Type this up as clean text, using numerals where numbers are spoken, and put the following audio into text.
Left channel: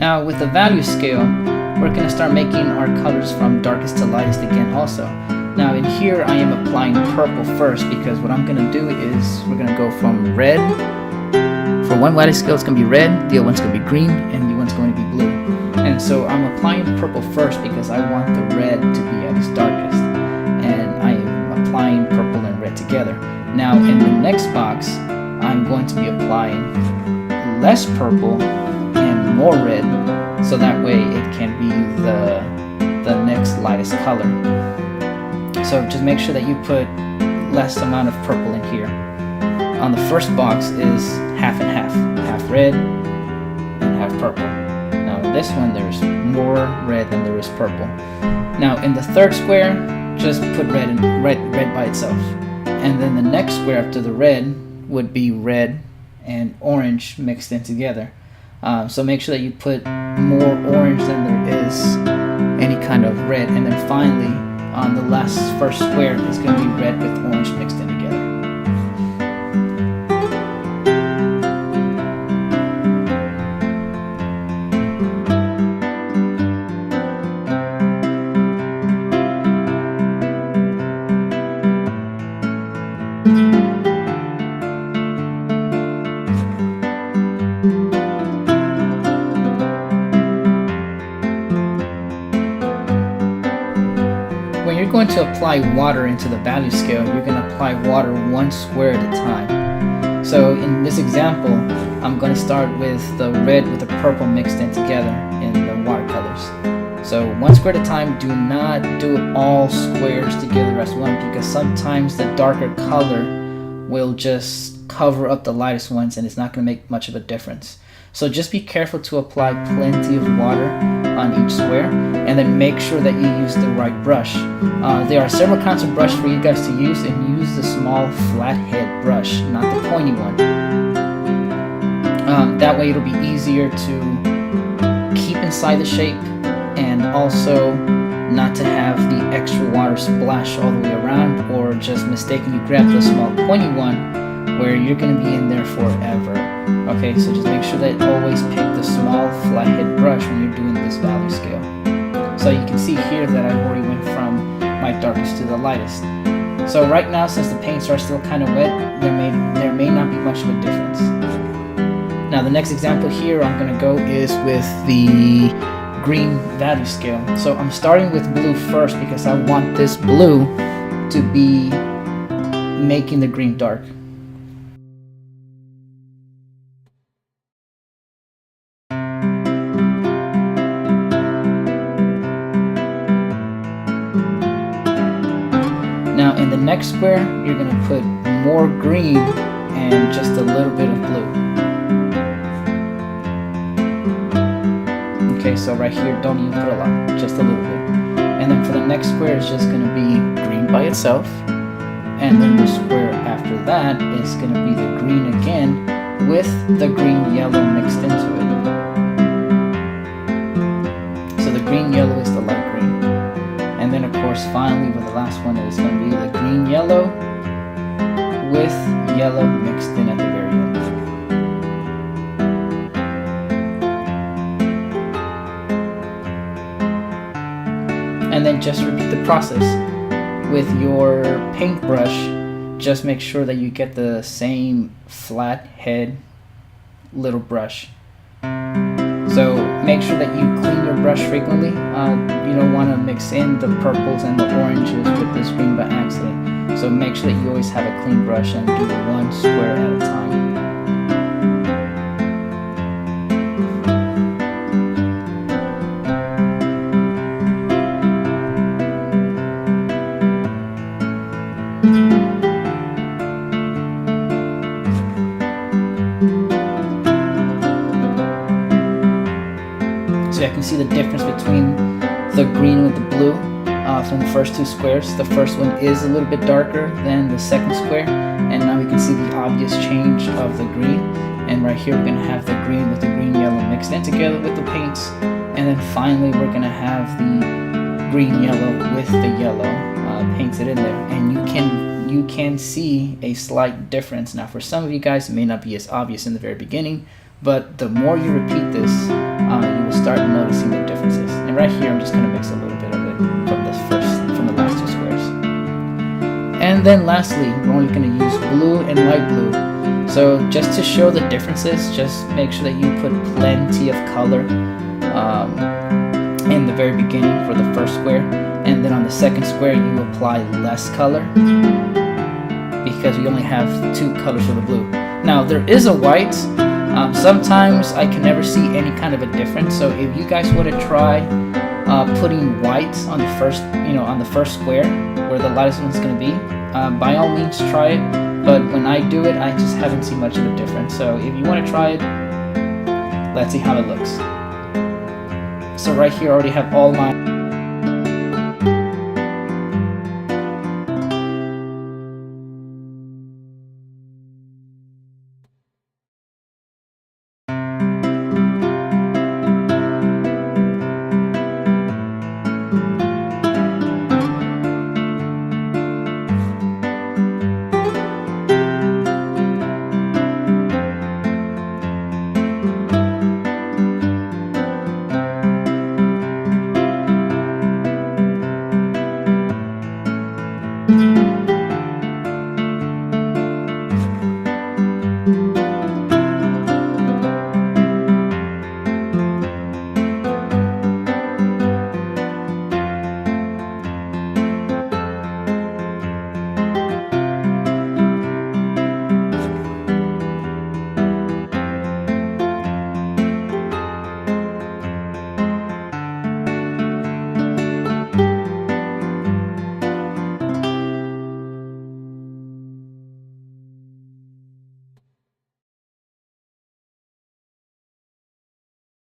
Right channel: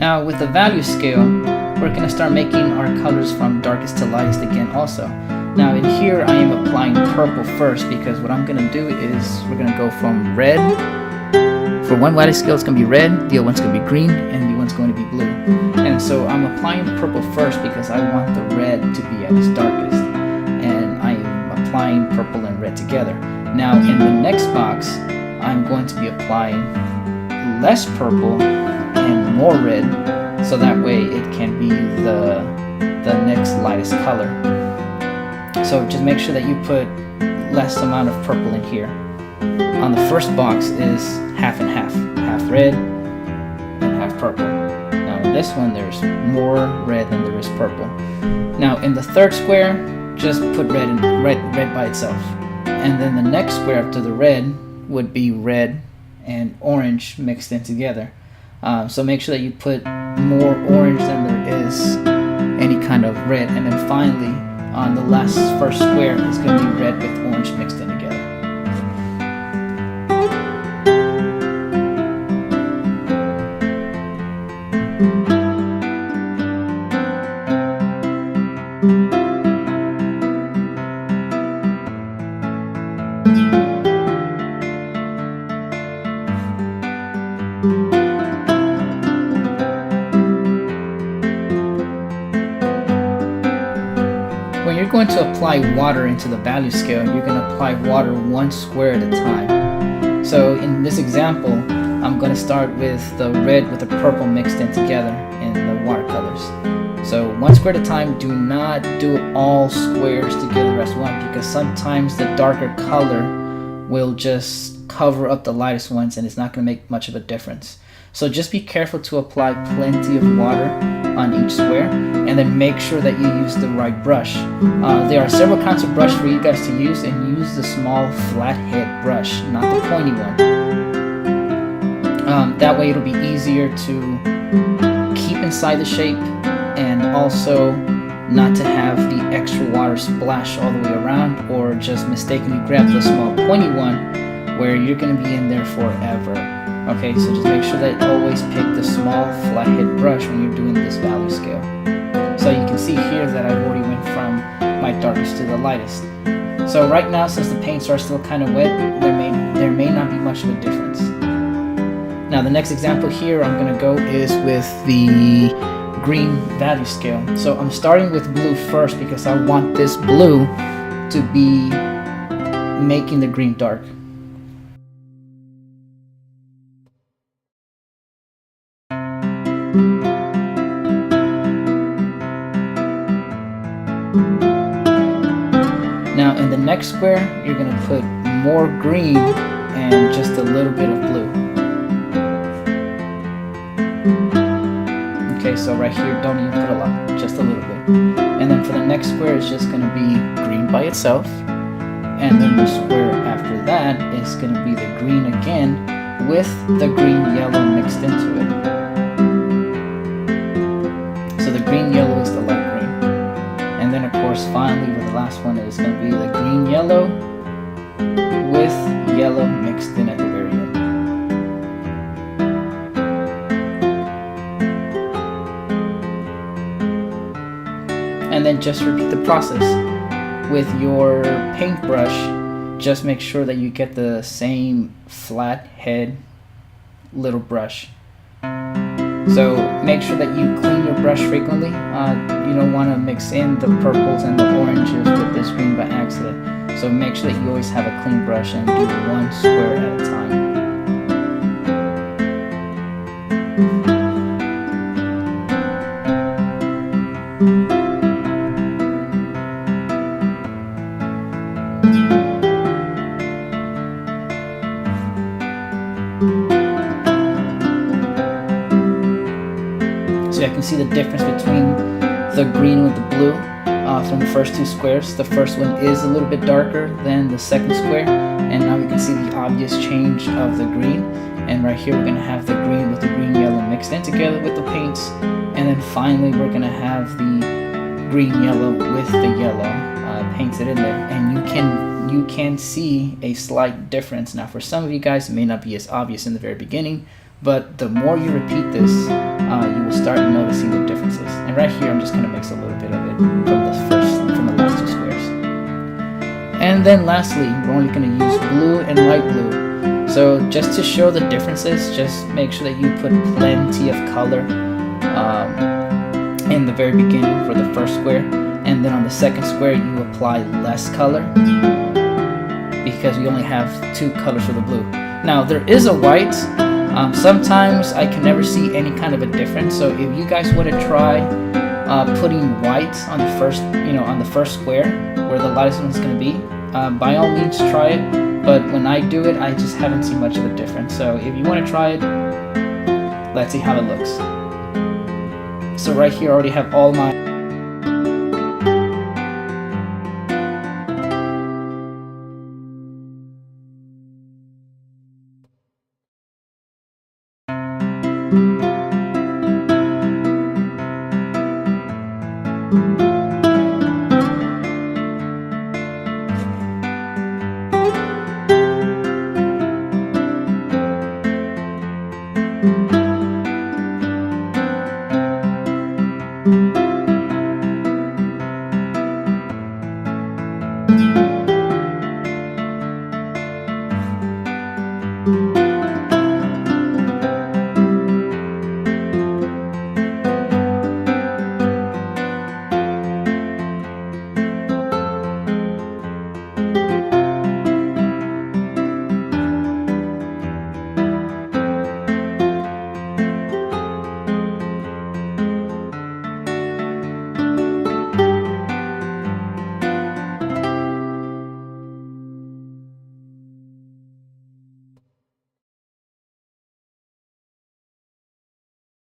Now with the value scale, we're going to start making our colors from darkest to lightest again also. Now in here I am applying purple first, because what I'm going to do is we're going to go from red. For one value scale it's going to be red, the other one's going to be green, and the one's going to be blue. And so I'm applying purple first because I want the red to be at its darkest. And I am applying purple and red together. Now in the next box, I'm going to be applying less purple and more red, so that way it can be the next lightest color. So just make sure that you put less amount of purple in here. On the first box is half and half, half red and half purple. Now in this one there's more red than there is purple. Now in the third square, just put red by itself. And then the next square after the red would be red and orange mixed in together. So make sure that you put more orange than there is any kind of red. And then finally, on the first square is going to be red with orange mixed in together. When you're going to apply water into the value scale, you're going to apply water one square at a time. So in this example, I'm going to start with the red with the purple mixed in together in the watercolors. So one square at a time. Do not do all squares together as one, because sometimes the darker color will just cover up the lightest ones and it's not going to make much of a difference. So just be careful to apply plenty of water on each square, and then make sure that you use the right brush. There are several kinds of brush for you guys to use, and use the small flathead brush, not the pointy one. That way it'll be easier to keep inside the shape, and also not to have the extra water splash all the way around, or just mistakenly grab the small pointy one where you're going to be in there forever. Okay, so just make sure that you always pick the small flathead brush when you're doing this value scale. So you can see here that I've already went from my darkest to the lightest. So right now, since the paints are still kind of wet, there may not be much of a difference. Now the next example here I'm going to go is with the green value scale. So I'm starting with blue first because I want this blue to be making the green dark. Now in the next square, you're going to put more green and just a little bit of blue. Okay, so right here, don't even put a lot, just a little bit. And then for the next square, it's just going to be green by itself. And then the square after that is going to be the green again with the green yellow mixed into it. So the green yellow is the light green. And then of course finally for the last one is going to be the green yellow with yellow mixed in at the very end. And then just repeat the process. With your paintbrush, just make sure that you get the same flat head little brush. So make sure that you clean your brush frequently. You don't want to mix in the purples and the oranges with this green by accident. So make sure that you always have a clean brush and do one square at a time. So I can see the difference between the green with the blue from the first two squares. The first one is a little bit darker than the second square, and now we can see the obvious change of the green. And right here we're going to have the green with the green yellow mixed in together with the paints, and then finally we're going to have the green yellow with the yellow painted in there. And you can see a slight difference. Now for some of you guys it may not be as obvious in the very beginning, but the more you repeat this, you will start noticing the differences. And right here, I'm just gonna mix a little bit of it from the last two squares. And then lastly, we're only gonna use blue and light blue. So just to show the differences, just make sure that you put plenty of color in the very beginning for the first square, and then on the second square you apply less color because we only have two colors for the blue. Now there is a white. Sometimes I can never see any kind of a difference, so if you guys want to try putting white on the first, on the first square where the lightest one's going to be, by all means try it. But when I do it, I just haven't seen much of a difference. So if you want to try it, let's see how it looks. So right here I already have all my